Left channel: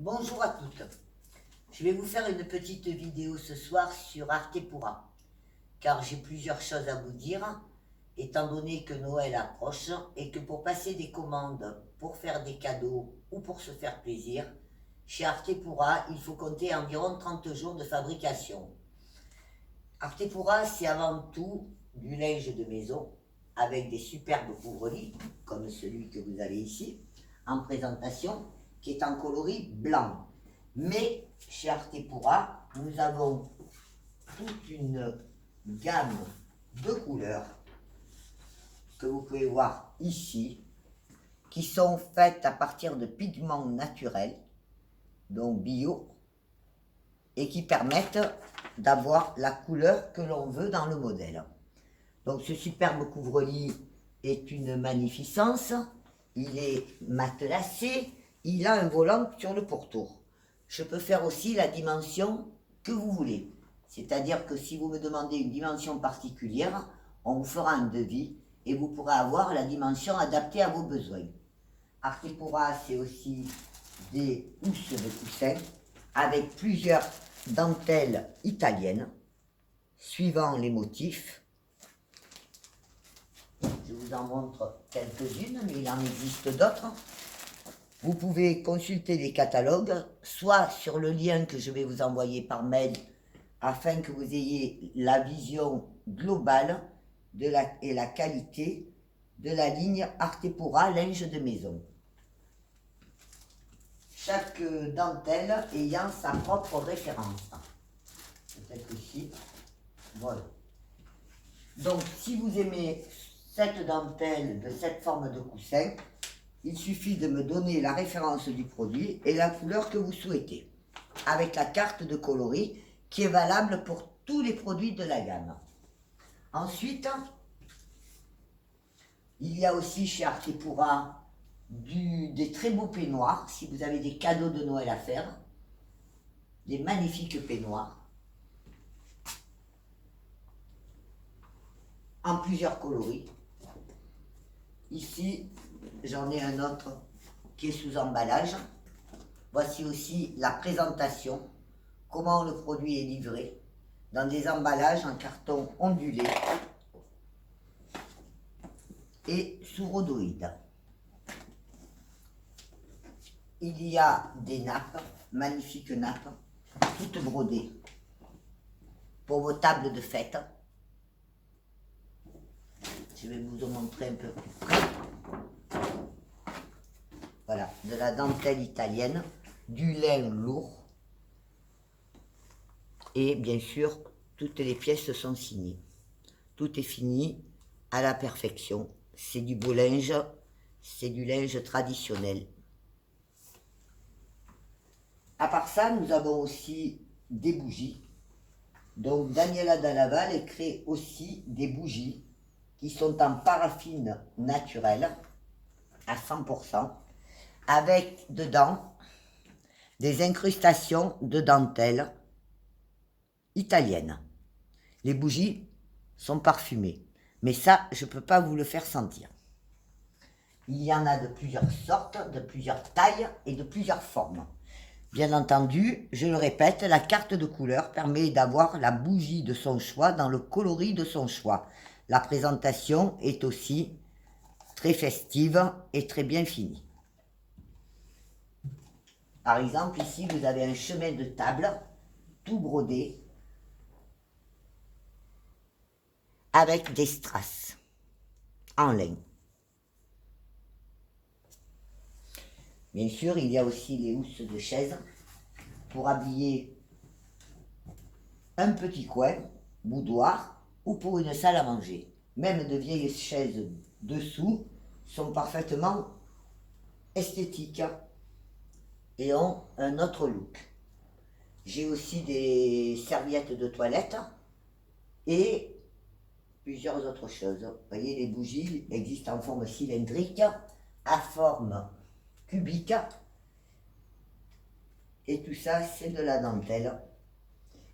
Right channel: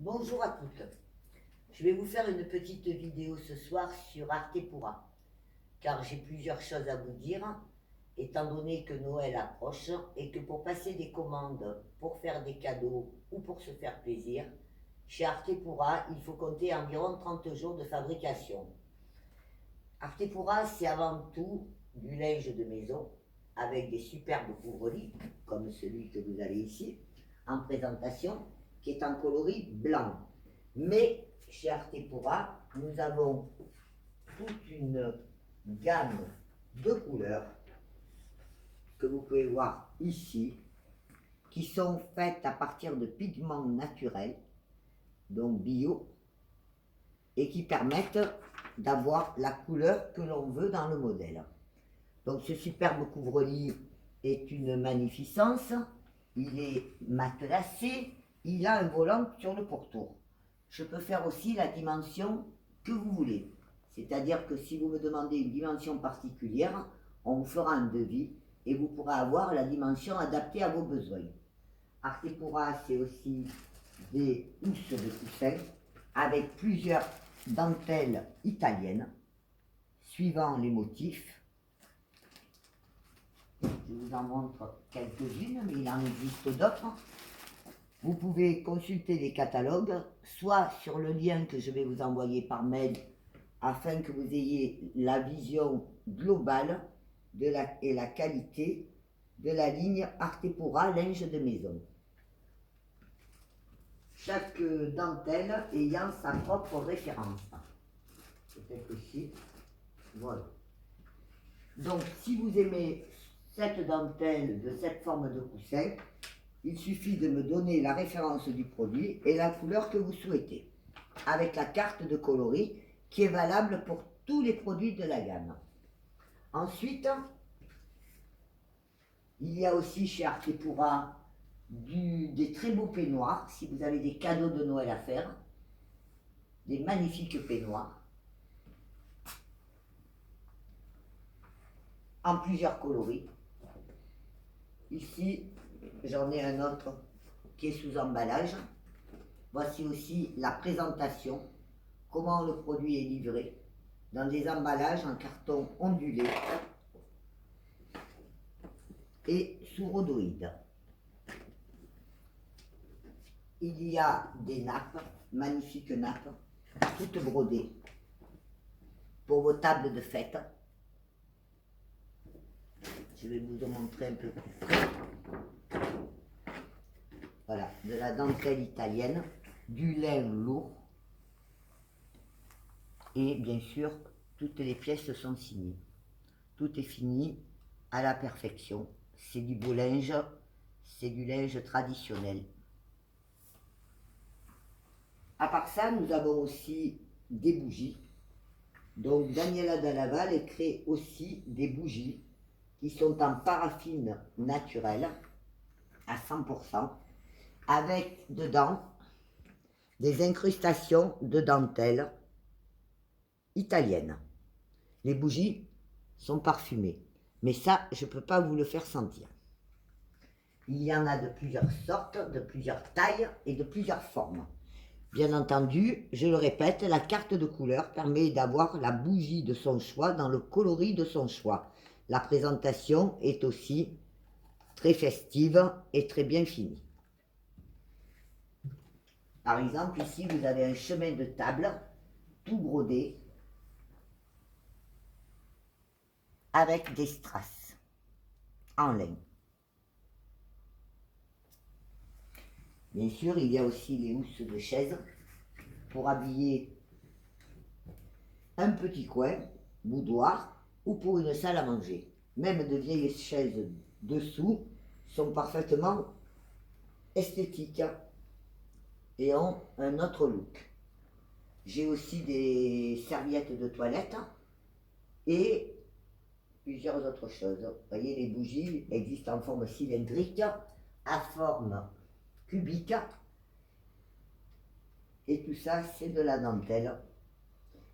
Bonjour à toutes. Je vais vous faire une petite vidéo ce soir sur Artepura, car j'ai plusieurs choses à vous dire, étant donné que Noël approche et que pour passer des commandes, pour faire des cadeaux ou pour se faire plaisir, chez Artepura, il faut compter environ 30 jours de fabrication. Artepura, c'est avant tout du linge de maison, avec des superbes couvre-lits, comme celui que vous avez ici, en présentation, qui est en coloris blanc. Mais chez Artepura, nous avons toute une gamme de couleurs que vous pouvez voir ici, qui sont faites à partir de pigments naturels, donc bio, et qui permettent d'avoir la couleur que l'on veut dans le modèle. Donc ce superbe couvre-lit est une magnificence, il est matelassé, il a un volant sur le pourtour. Je peux faire aussi la dimension que vous voulez. C'est-à-dire que si vous me demandez une dimension particulière, on vous fera un devis et vous pourrez avoir la dimension adaptée à vos besoins. Artepura, c'est aussi des housses de coussins avec plusieurs dentelles italiennes, suivant les motifs. Je vous en montre quelques-unes, mais il en existe d'autres. Vous pouvez consulter les catalogues, soit sur le lien que je vais vous envoyer par mail, afin que vous ayez la vision globale et la qualité de la ligne Artepura linge de maison. Chaque dentelle ayant sa propre référence. Peut-être ici. Voilà. Donc, si vous aimez cette dentelle de cette forme de coussin, il suffit de me donner la référence du produit et la couleur que vous souhaitez, avec la carte de coloris qui est valable pour tous les produits de la gamme. Ensuite, il y a aussi chez Artepura des très beaux peignoirs, si vous avez des cadeaux de Noël à faire, des magnifiques peignoirs, en plusieurs coloris. Ici, j'en ai un autre qui est sous emballage. Voici aussi la présentation, comment le produit est livré, dans des emballages en carton ondulé et sous rhodoïde. Il y a des nappes, magnifiques nappes, toutes brodées, pour vos tables de fête. Je vais vous en montrer un peu plus près. Voilà, de la dentelle italienne, du lin lourd. Et bien sûr, toutes les pièces sont signées. Tout est fini à la perfection. C'est du beau linge, c'est du linge traditionnel. À part ça, nous avons aussi des bougies. Donc Daniela Dallaval crée aussi des bougies qui sont en paraffine naturelle à 100%, avec dedans des incrustations de dentelle italienne. Les bougies sont parfumées, mais ça, je ne peux pas vous le faire sentir. Il y en a de plusieurs sortes, de plusieurs tailles et de plusieurs formes. Bien entendu, je le répète, la carte de couleur permet d'avoir la bougie de son choix dans le coloris de son choix. La présentation est aussi très festive et très bien finie. Par exemple, ici, vous avez un chemin de table, tout brodé, avec des strass en lin. Bien sûr, il y a aussi les housses de chaise pour habiller un petit coin, boudoir ou pour une salle à manger. Même de vieilles chaises dessous sont parfaitement esthétiques et ont un autre look. J'ai aussi des serviettes de toilette et plusieurs autres choses. Vous voyez, les bougies existent en forme cylindrique, à forme cubique, et tout ça c'est de la dentelle.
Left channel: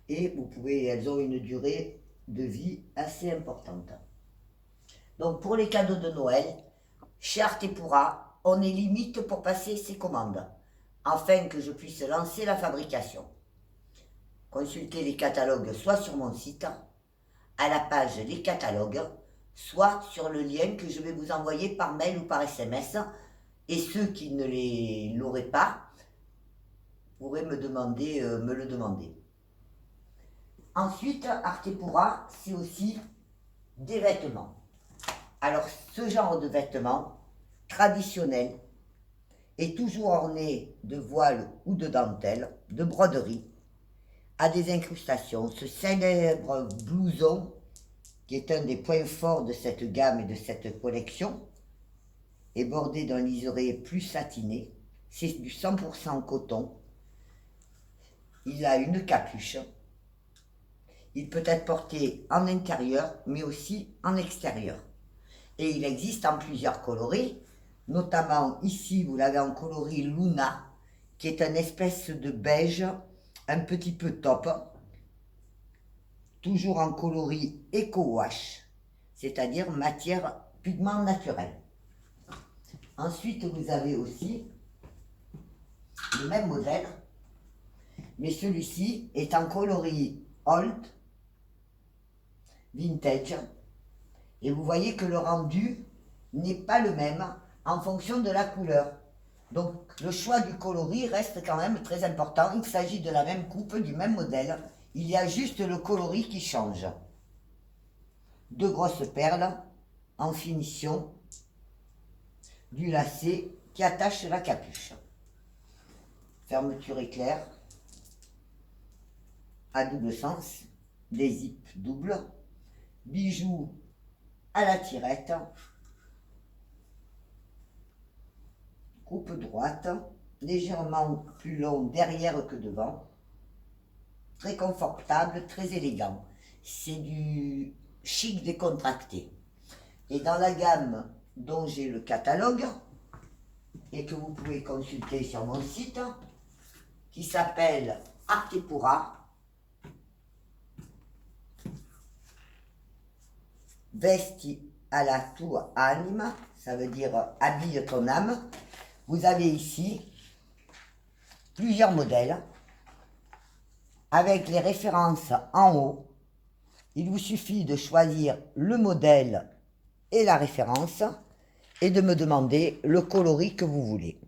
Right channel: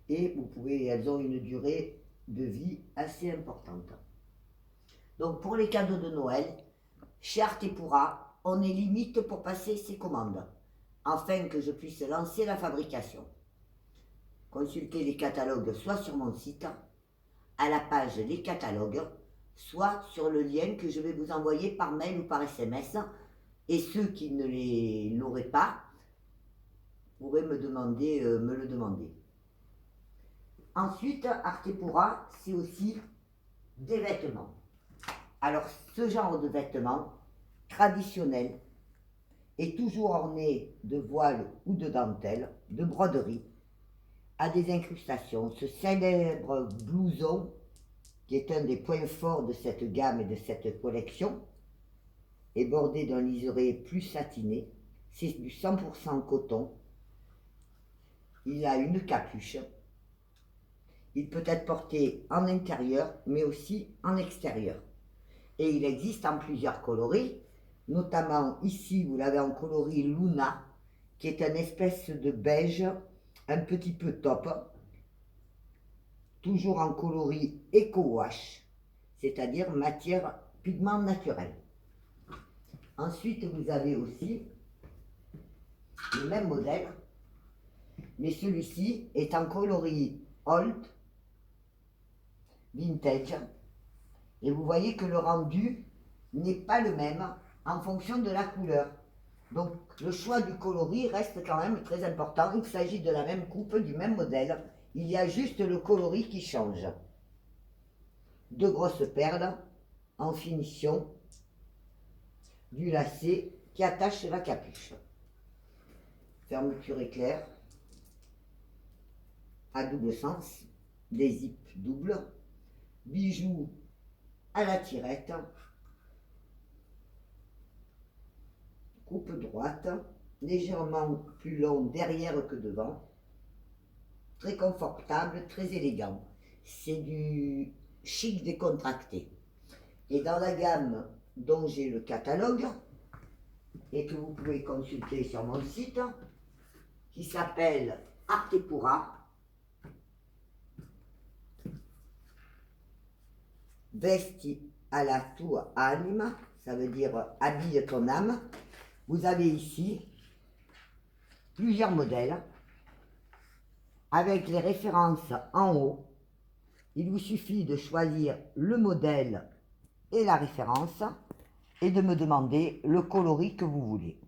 Et elles ont une durée de vie assez importante. Donc pour les cadeaux de Noël, chez Artepura, on est limite pour passer ses commandes. afin que je puisse lancer la fabrication. Consultez les catalogues soit sur mon site, à la page Les catalogues, soit sur le lien que je vais vous envoyer par mail ou par SMS. Et ceux qui ne l'auraient pas pourraient me le demander. Ensuite, Artepura, c'est aussi des vêtements. Alors, ce genre de vêtements traditionnels est toujours orné de voiles ou de dentelles, de broderies, à des incrustations. Ce célèbre blouson, qui est un des points forts de cette gamme et de cette collection, est bordé d'un liseré plus satiné. C'est du 100% coton. Il a une capuche. Il peut être porté en intérieur, mais aussi en extérieur. Et il existe en plusieurs coloris, notamment ici, vous l'avez en coloris Luna, qui est une espèce de beige un petit peu top, toujours en coloris Eco-Wash, c'est-à-dire matière pigment naturel. Ensuite, vous avez aussi le même modèle, mais celui-ci est en coloris Old, Vintage, et vous voyez que le rendu n'est pas le même en fonction de la couleur. Donc le choix du coloris reste quand même très important. Il s'agit de la même coupe, du même modèle. Il y a juste le coloris qui change. Deux grosses perles en finition, du lacet qui attache la capuche. Fermeture éclair à double sens, des zips doubles, bijoux à la tirette, coupe droite, légèrement plus long derrière que devant, très confortable, très élégant. C'est du chic décontracté. Et dans la gamme dont j'ai le catalogue, et que vous pouvez consulter sur mon site, qui s'appelle Artepura, Vesti alla tua anima, ça veut dire habille ton âme. Vous avez ici plusieurs modèles avec les références en haut. Il vous suffit de choisir le modèle et la référence et de me demander le coloris que vous voulez.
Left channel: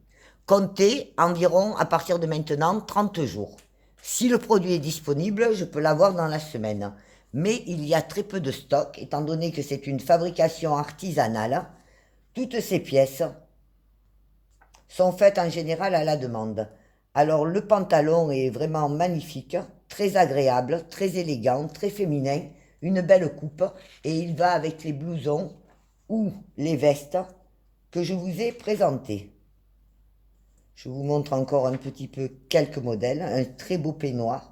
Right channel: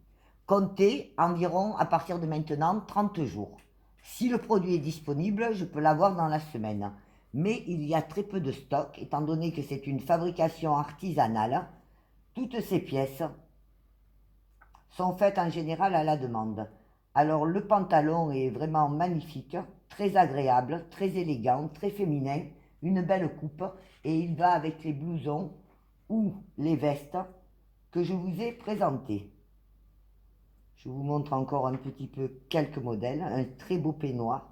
Comptez environ à partir de maintenant 30 jours. Si le produit est disponible, je peux l'avoir dans la semaine. Mais il y a très peu de stock, étant donné que c'est une fabrication artisanale. Toutes ces pièces sont faites en général à la demande. Alors le pantalon est vraiment magnifique, très agréable, très élégant, très féminin, une belle coupe, et il va avec les blousons ou les vestes que je vous ai présentés. Je vous montre encore un petit peu quelques modèles. Un très beau peignoir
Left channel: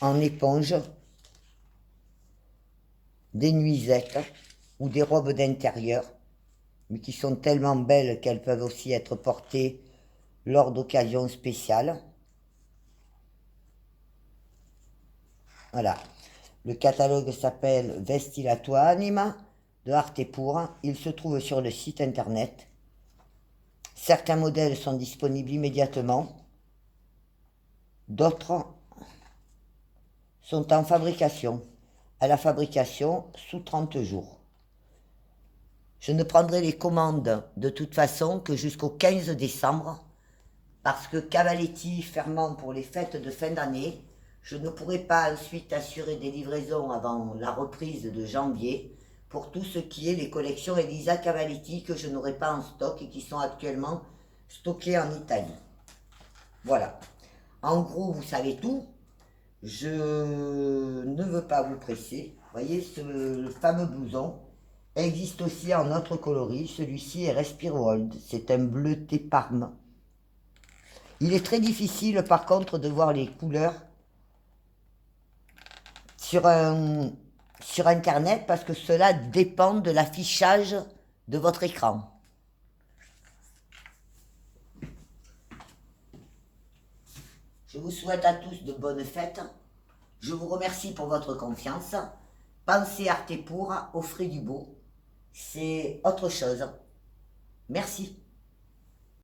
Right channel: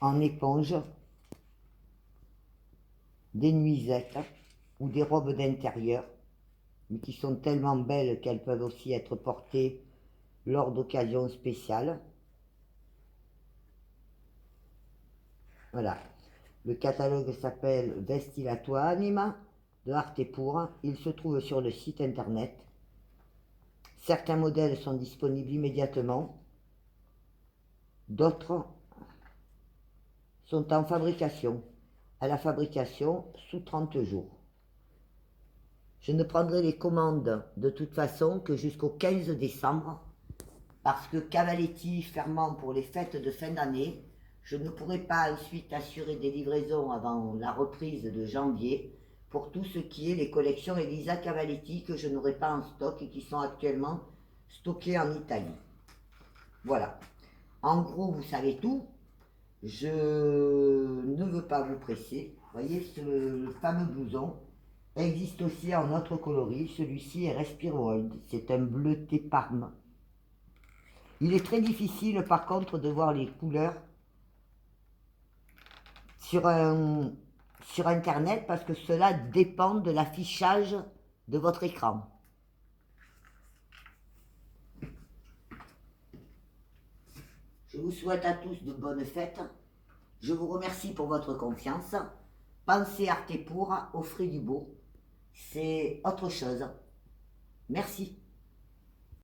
en éponge, des nuisettes ou des robes d'intérieur, mais qui sont tellement belles qu'elles peuvent aussi être portées lors d'occasions spéciales. Voilà. Le catalogue s'appelle Vesti la tua anima de Artepura. Il se trouve sur le site internet. Certains modèles sont disponibles immédiatement. D'autres sont en fabrication. À la fabrication sous 30 jours. Je ne prendrai les commandes de toute façon que jusqu'au 15 décembre parce que Cavaletti fermant pour les fêtes de fin d'année, je ne pourrai pas ensuite assurer des livraisons avant la reprise de janvier pour tout ce qui est les collections Elisa Cavaletti que je n'aurai pas en stock et qui sont actuellement stockées en Italie. Voilà. En gros, vous savez tout. Je ne veux pas vous presser. Vous voyez, ce fameux blouson existe aussi en autre coloris. Celui-ci est Respiro Old. C'est un bleuté parme. Il est très difficile, par contre, de voir les couleurs sur Internet parce que cela dépend de l'affichage de votre écran. Je vous souhaite à tous de bonnes fêtes. Je vous remercie pour votre confiance. Pensez Artepura, offrez du beau. C'est autre chose. Merci.